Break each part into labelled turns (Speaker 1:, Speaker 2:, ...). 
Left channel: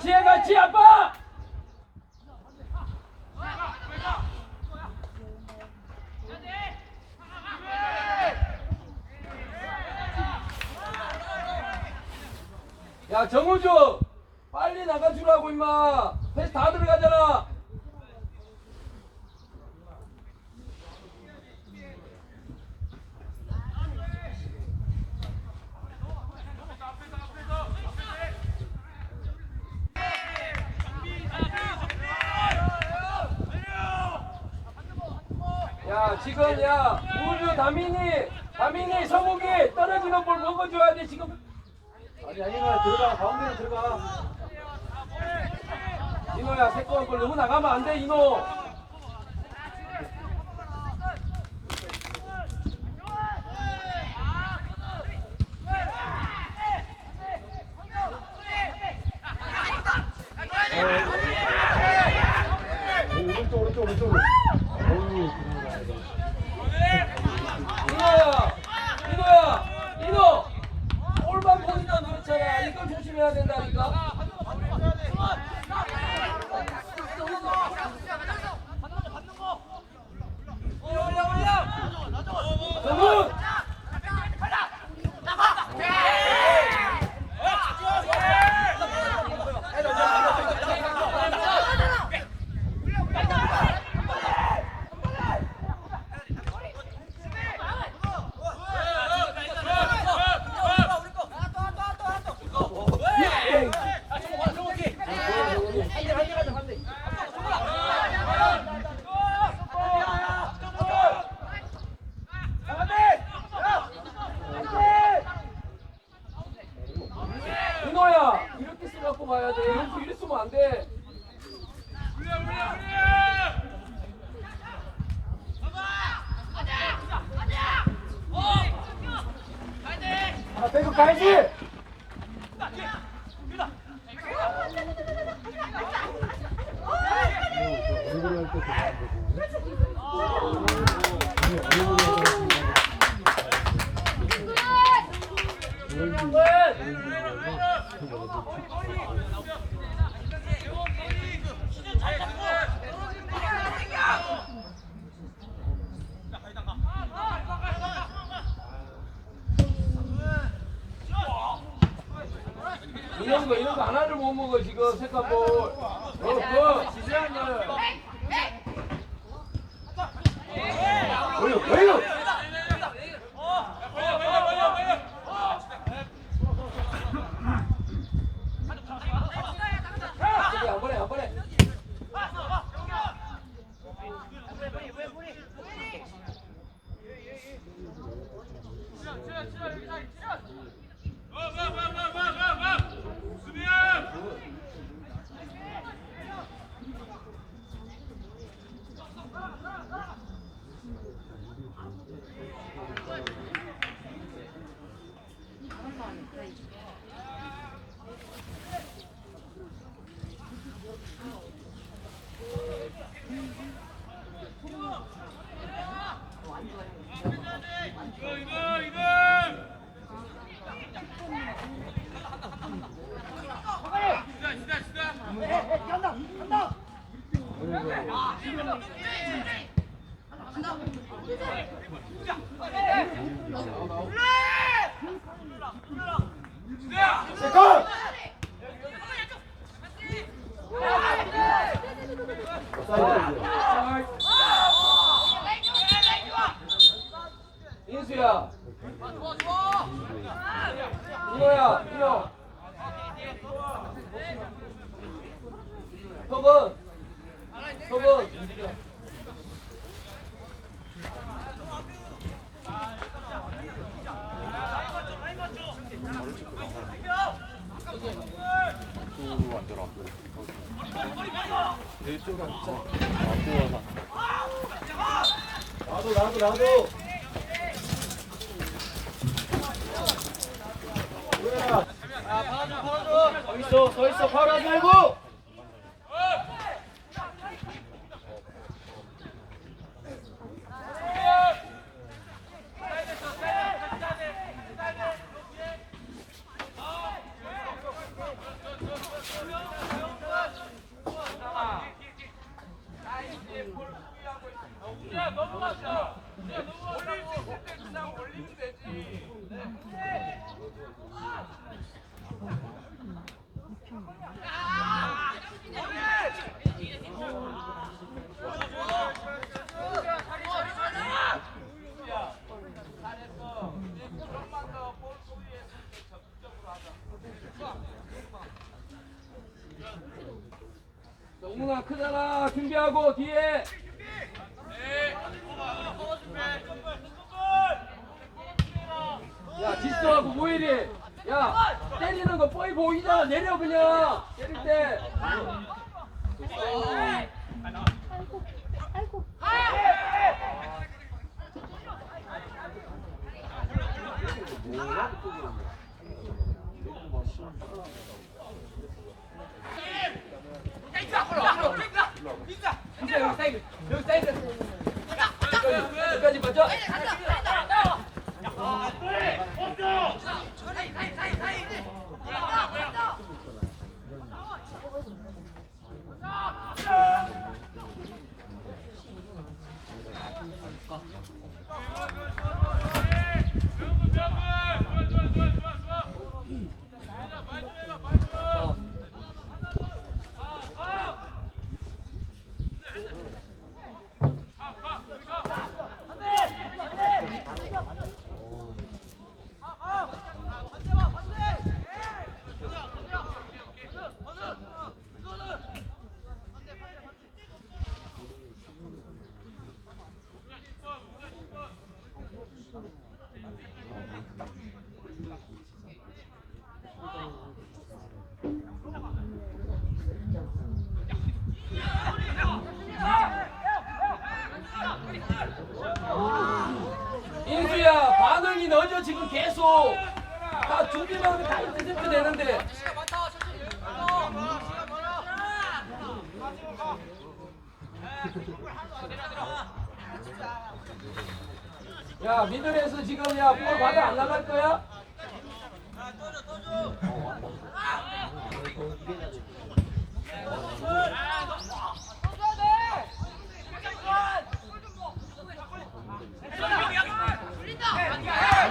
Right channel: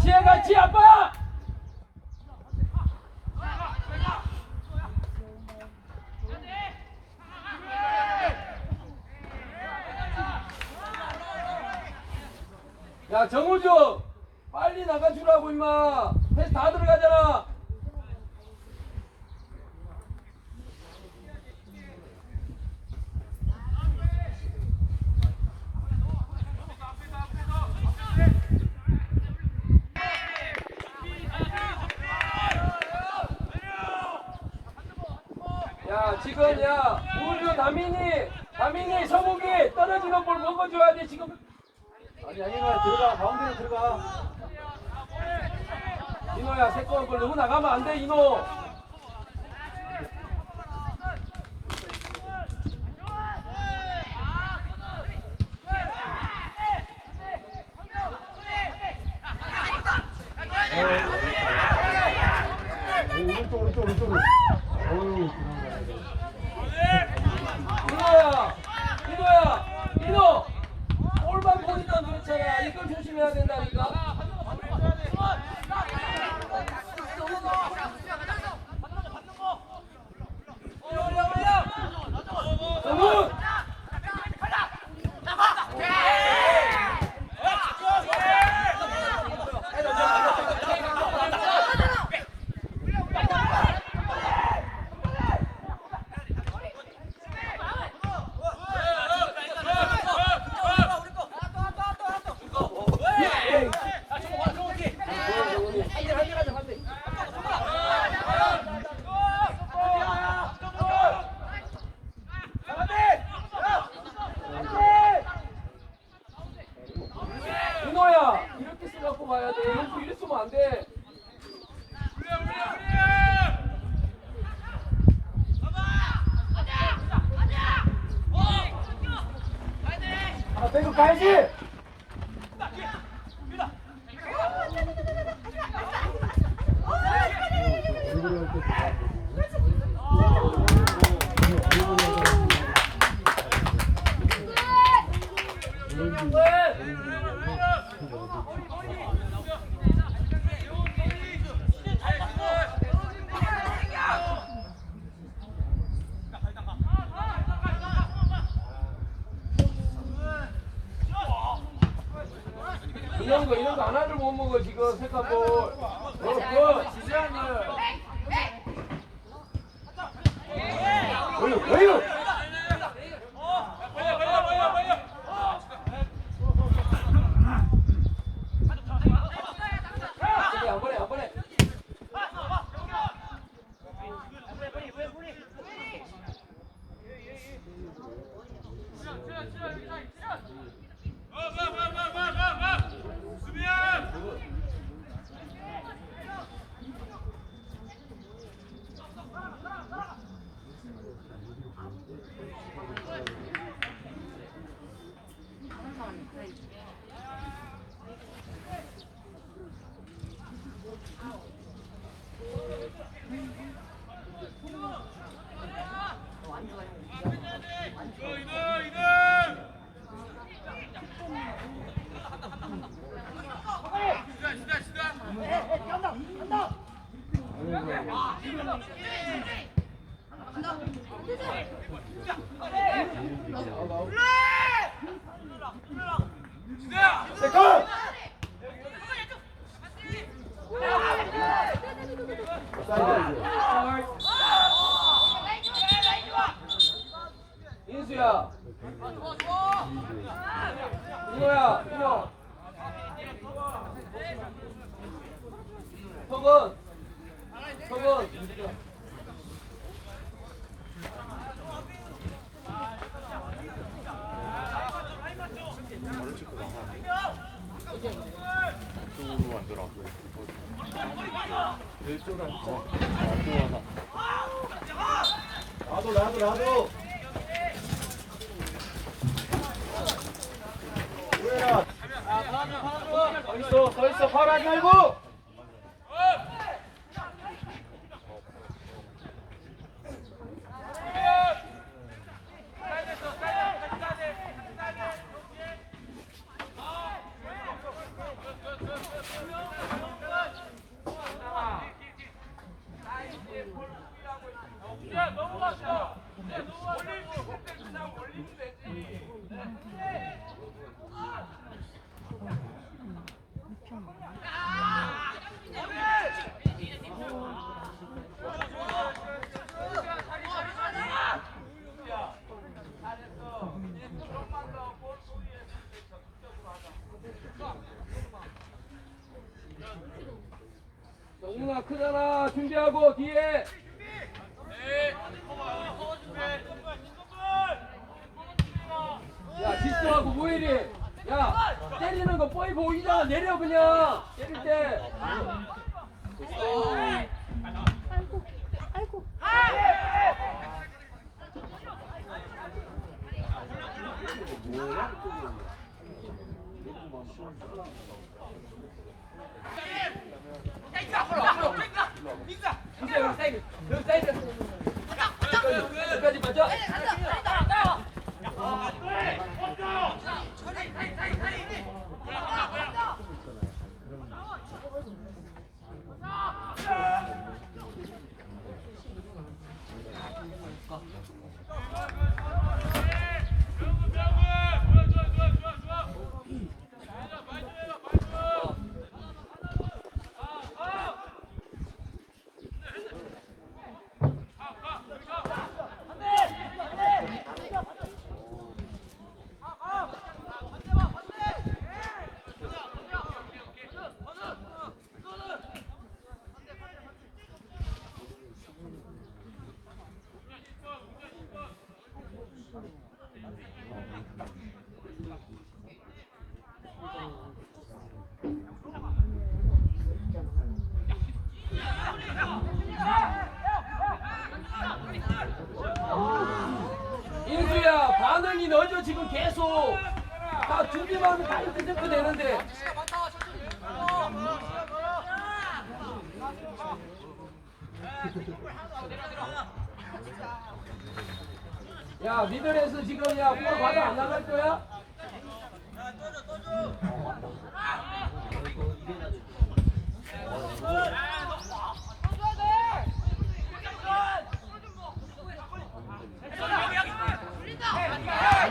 Speaker 1: 같이 해같이 아빠 야 정우주 빨리 나가주라고 임마 패스 다 들어가잖아 야 지금 야. 우주 다민이 다민이 서국이 떨어지는 볼 먹어줘야 돼 지금.
Speaker 2: 아니 아니 나 들어가. 가운데로 들어가.
Speaker 1: 이노야 새까만 볼 너무 나가면 안 돼 이노
Speaker 2: 오른쪽 오른쪽 오른쪽으로 어유
Speaker 1: 이노야 이노야 이노 골만 보니까 조심해야 된다니까 정훈 이노야 이렇게 쓰갖고 봐야 돼 여기서 이래 쓰면 안돼
Speaker 2: 아 배구 가야지 얼굴이 할때
Speaker 1: 이런 거 이런 거 하나를 못 먹어 지금 색깔 볼 어, 그
Speaker 2: 谁干 있어 서 있어 팔하지 말고
Speaker 1: 크잖아 준비하고 뒤에 야 지수하고 모일이 야 때리는 거 뻔히 보이잖아 내려 그냥 때릴 때 진짜 여기 사이드 여기 사이드 여기까지 먼저 인수야 반응이 늦어 지금 계속 다 준비만 하면 다 이렇게 되면 되는데 야 미들에서 지금 야 볼 받아 안 나갈 거야?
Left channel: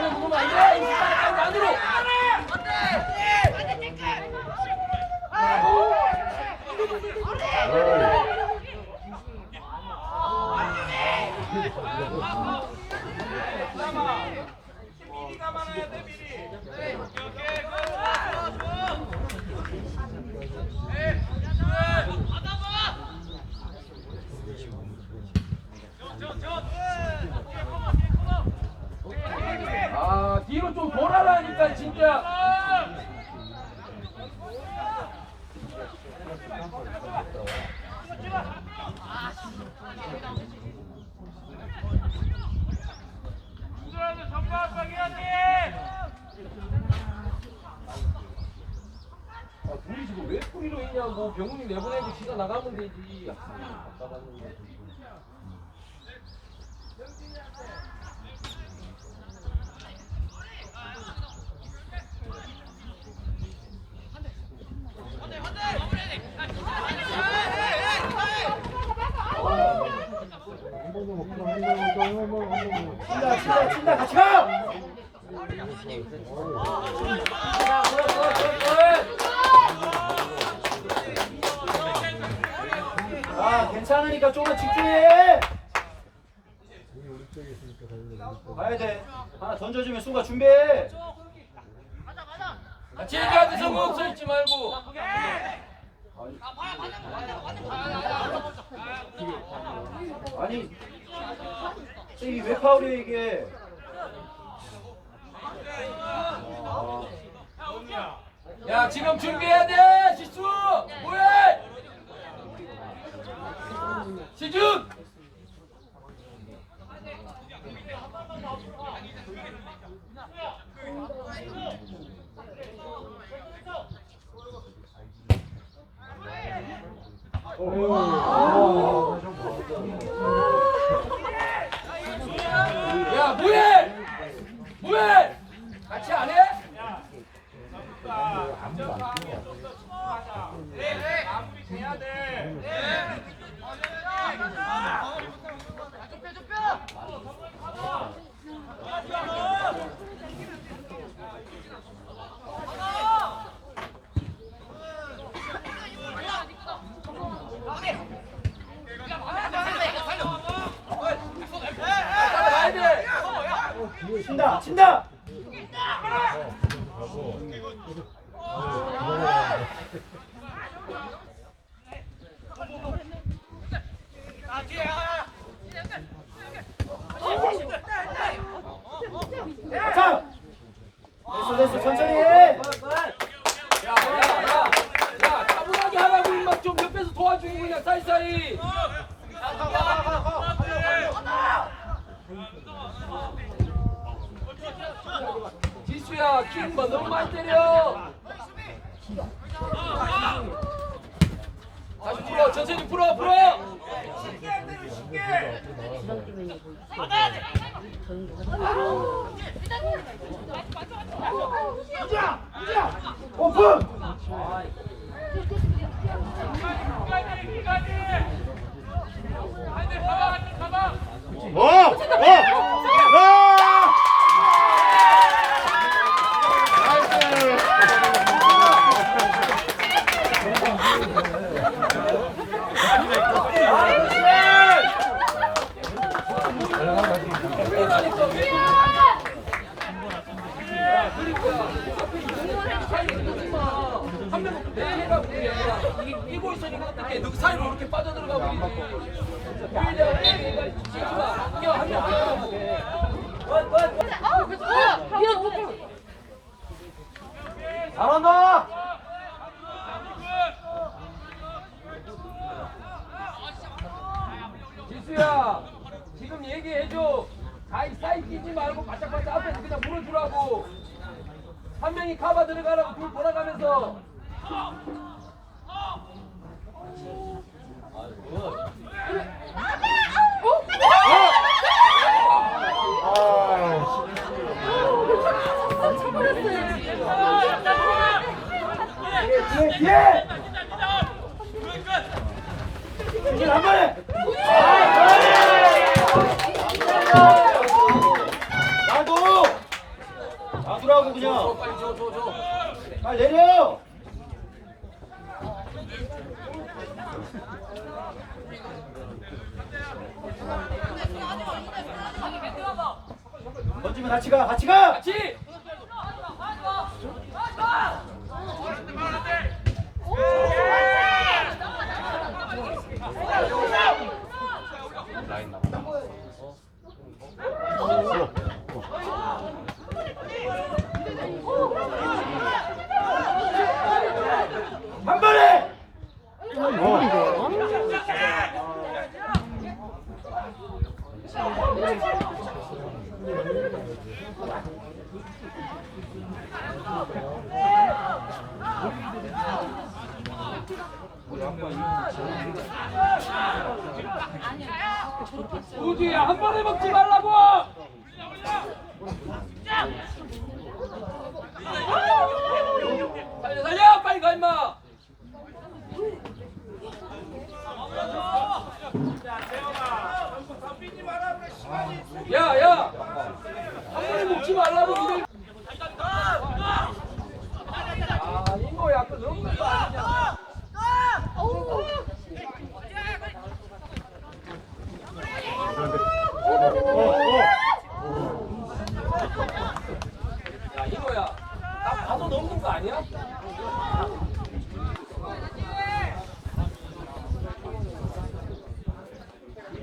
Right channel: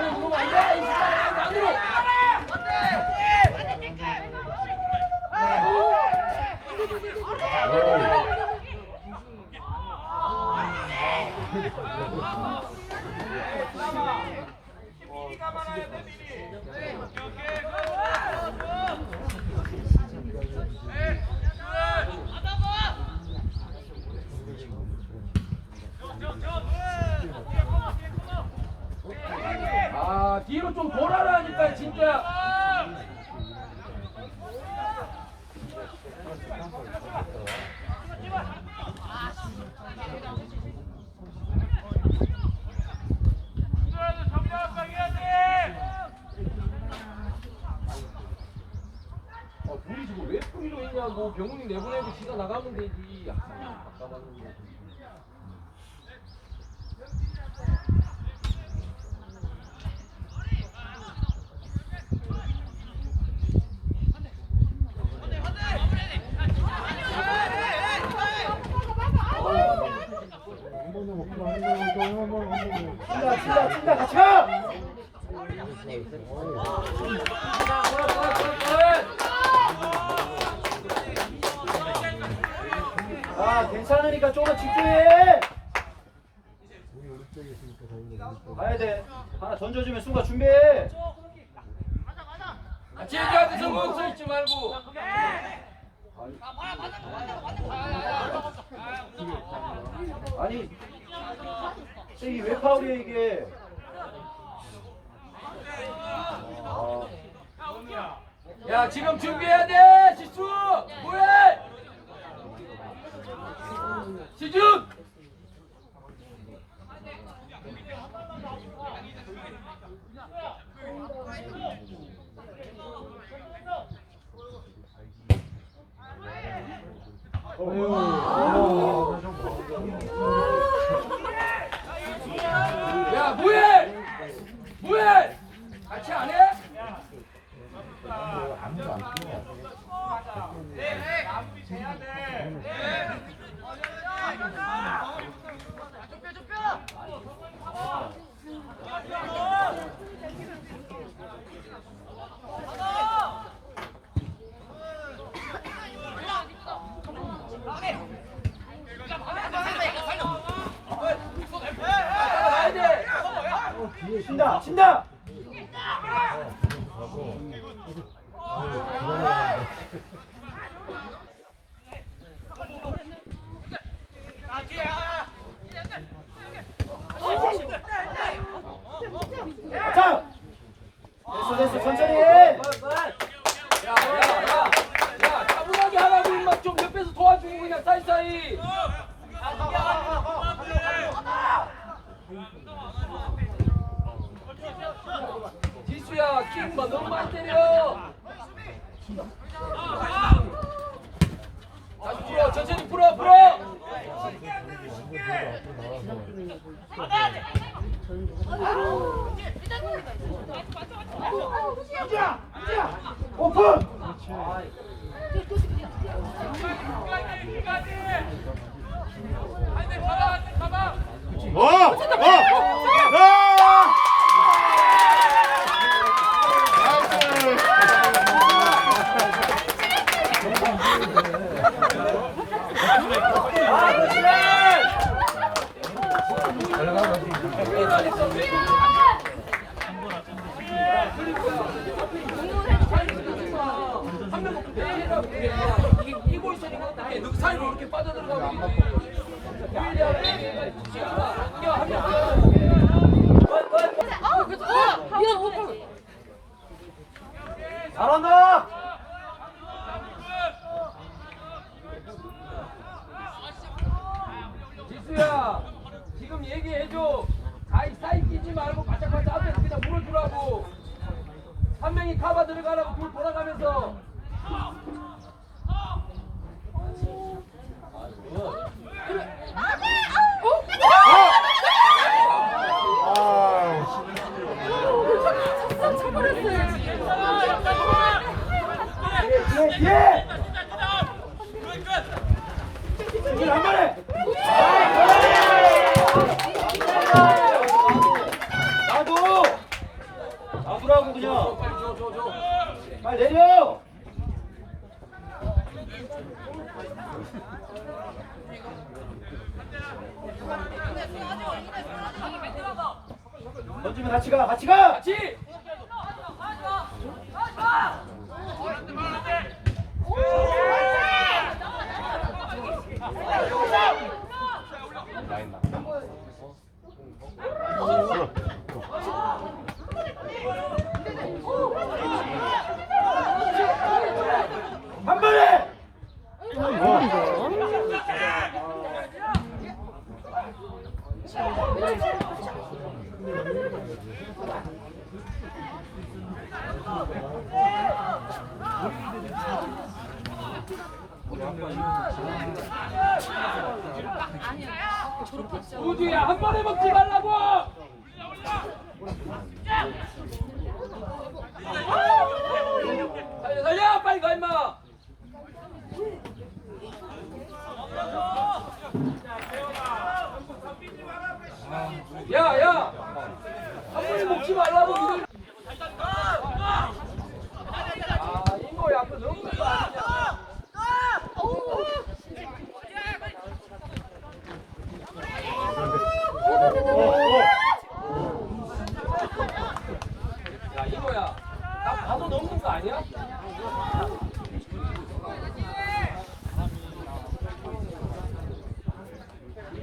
Speaker 1: 인수 빨리 빨리 안으로! 아 뒤로 좀 돌아라니까 진짜. 아 둘이 지금 왜 뿌리로 있냐고. 병훈이 내보내고 지가 나가면 되지. 답답하는
Speaker 2: 친다 친다 같이 가! 아 괜찮으니까 조금만 집중해 가야 돼 하나 던져주면 순간 준비해
Speaker 1: 같이 얘기하고 성공 서 있지 말고
Speaker 2: 아니 이게 왜 파울이야 이게? 아,
Speaker 1: 야 지금 준비해야 돼! 지수! 뭐해? 시준! 야 뭐해 뭐해 같이 안 해? 따라가야 돼.
Speaker 2: 친다 친다 자 됐어 됐어 천천히 해
Speaker 1: 야, 차분하게 하라고 임마 좀 옆에서 도와주고 그냥 사이사이. 킹마 너무 많이 때려. 다시 풀어, 천천히 풀어, 풀어.
Speaker 2: 오픈
Speaker 3: 어! 어! 아!
Speaker 1: 한명 없고 내가 그냥 이고 있으니까 사이로 이렇게 빠져들어가고. 야, 내가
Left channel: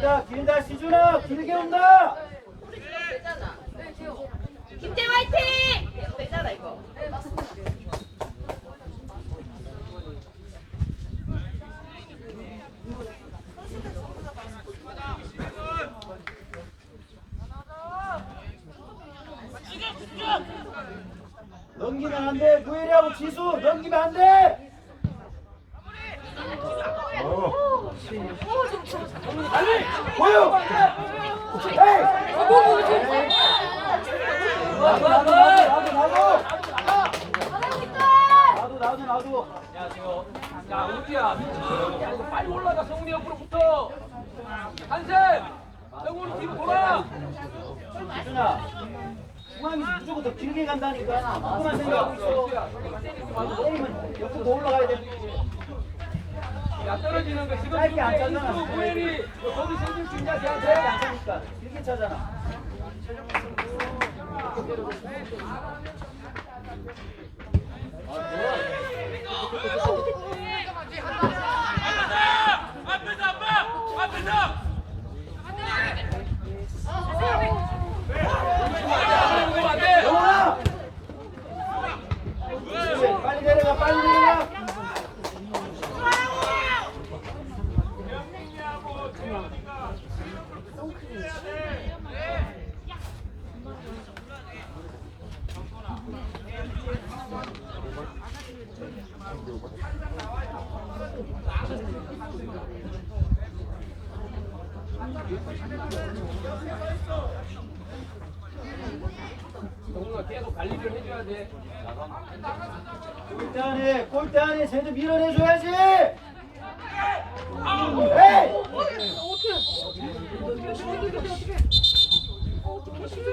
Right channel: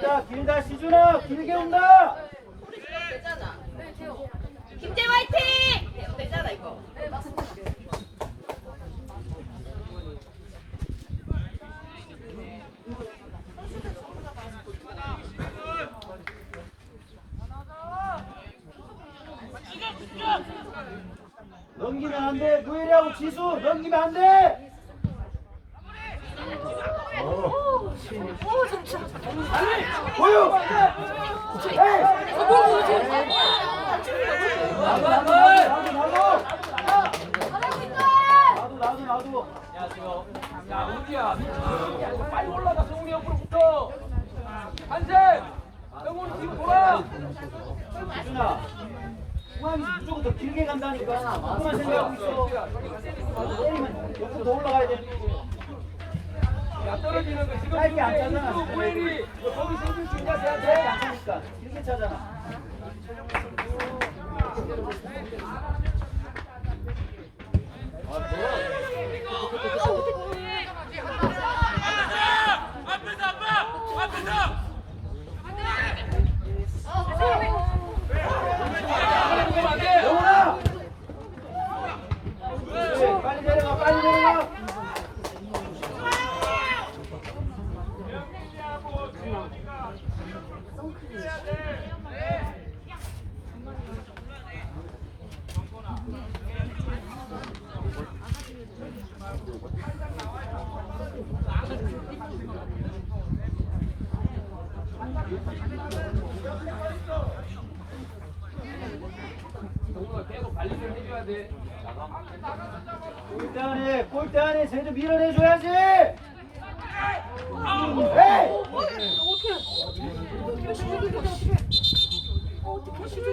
Speaker 2: 길다 길다 시준아 길게 온다
Speaker 4: 김태 화이팅! 되잖아 이거.
Speaker 2: 넘기면 안돼 구일이하고 지수 넘기면 안 돼
Speaker 1: 한샘 성훈이 뒤로 돌아.
Speaker 2: 지준아 중앙에서 무조건 더 길게 간다니까 그만 생각하고 있어 때리면 옆으로 더 올라가야 돼
Speaker 1: 안 떨어지는 거 지금
Speaker 2: 짧게 안 차잖아.
Speaker 1: 고엘이 거기 생긴
Speaker 2: 중자
Speaker 1: 대한테
Speaker 2: 안 차니까 길게 차잖아. 아,
Speaker 1: 뭐?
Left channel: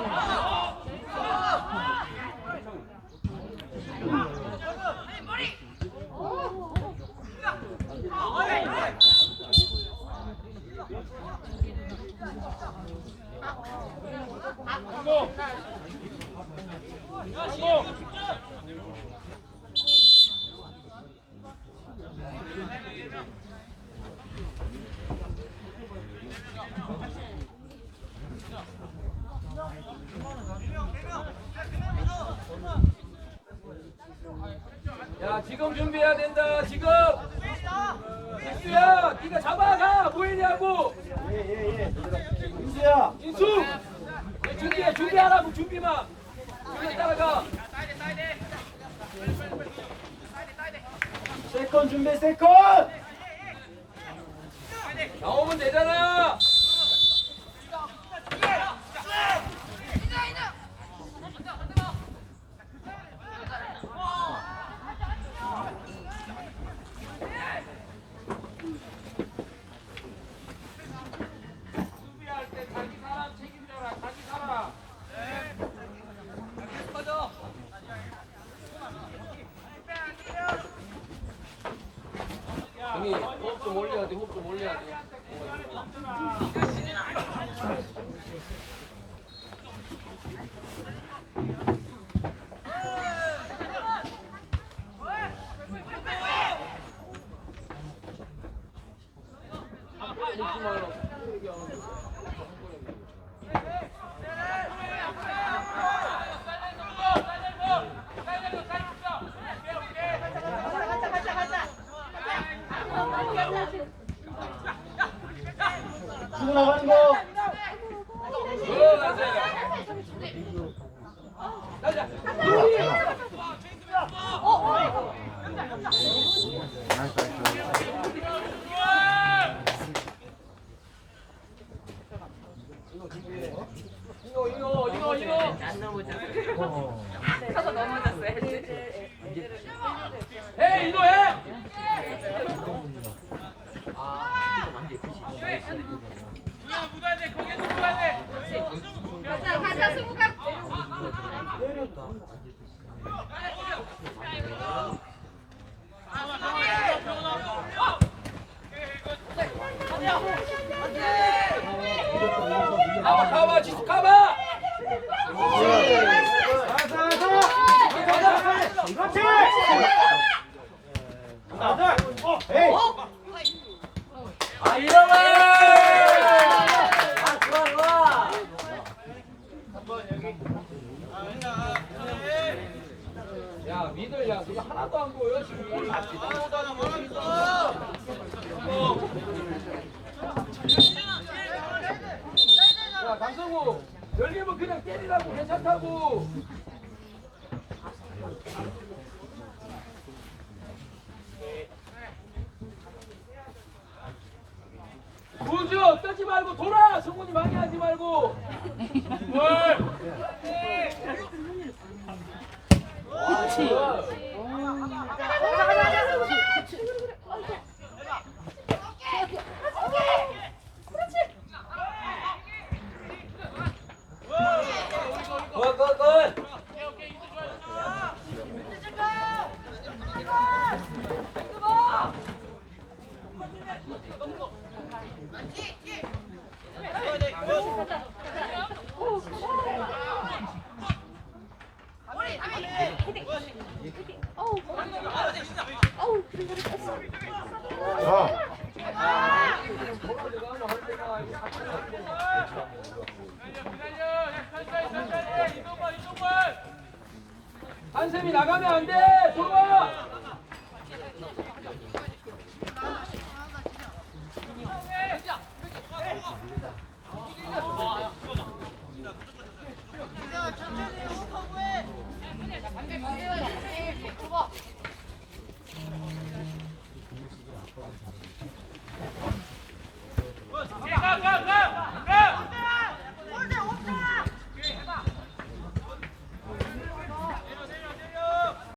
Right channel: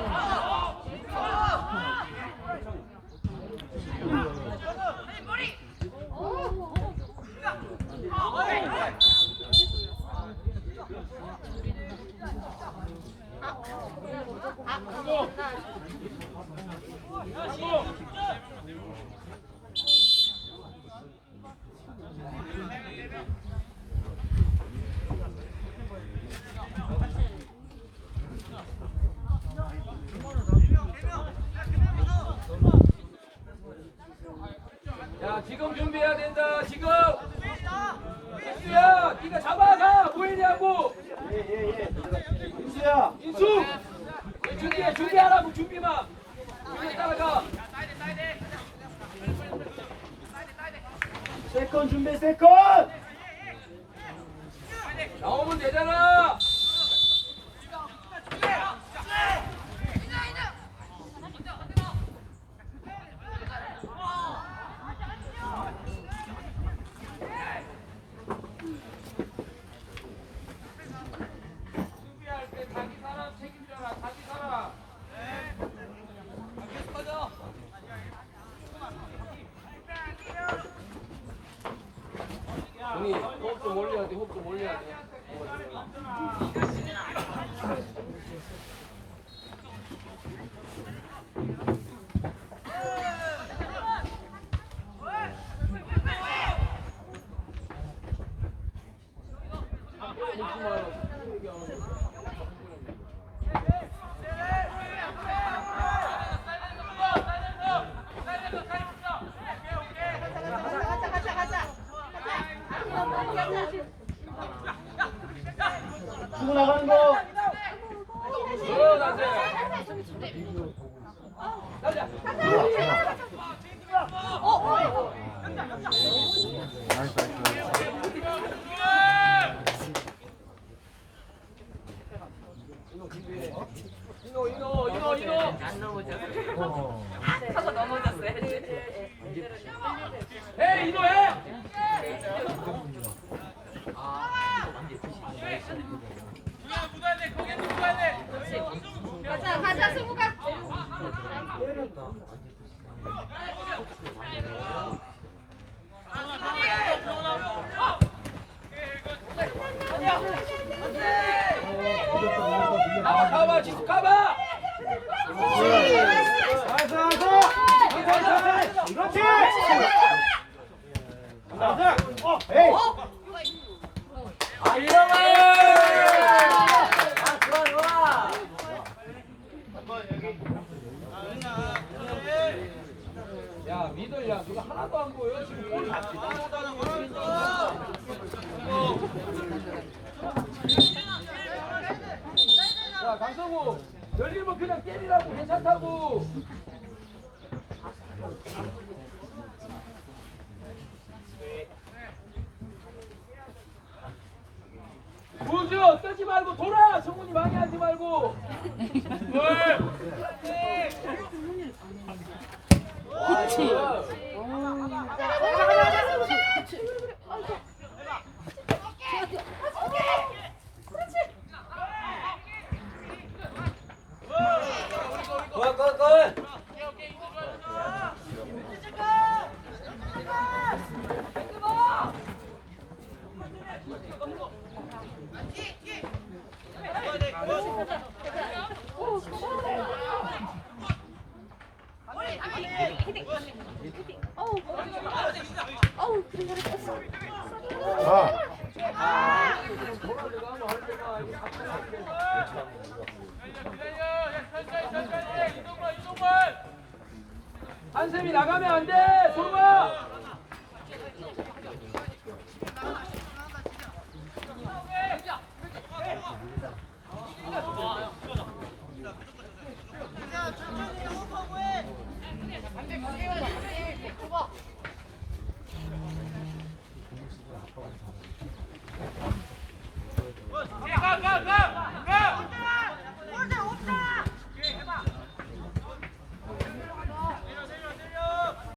Speaker 1: Oh, 아니 호흡 좀 올려야 돼 호흡 좀 올려야 돼. 아, แล้วโอ้โห 뜨지 말고 돌아 성훈이 많이 하지 말고 뭘
Speaker 3: 자,
Speaker 1: 한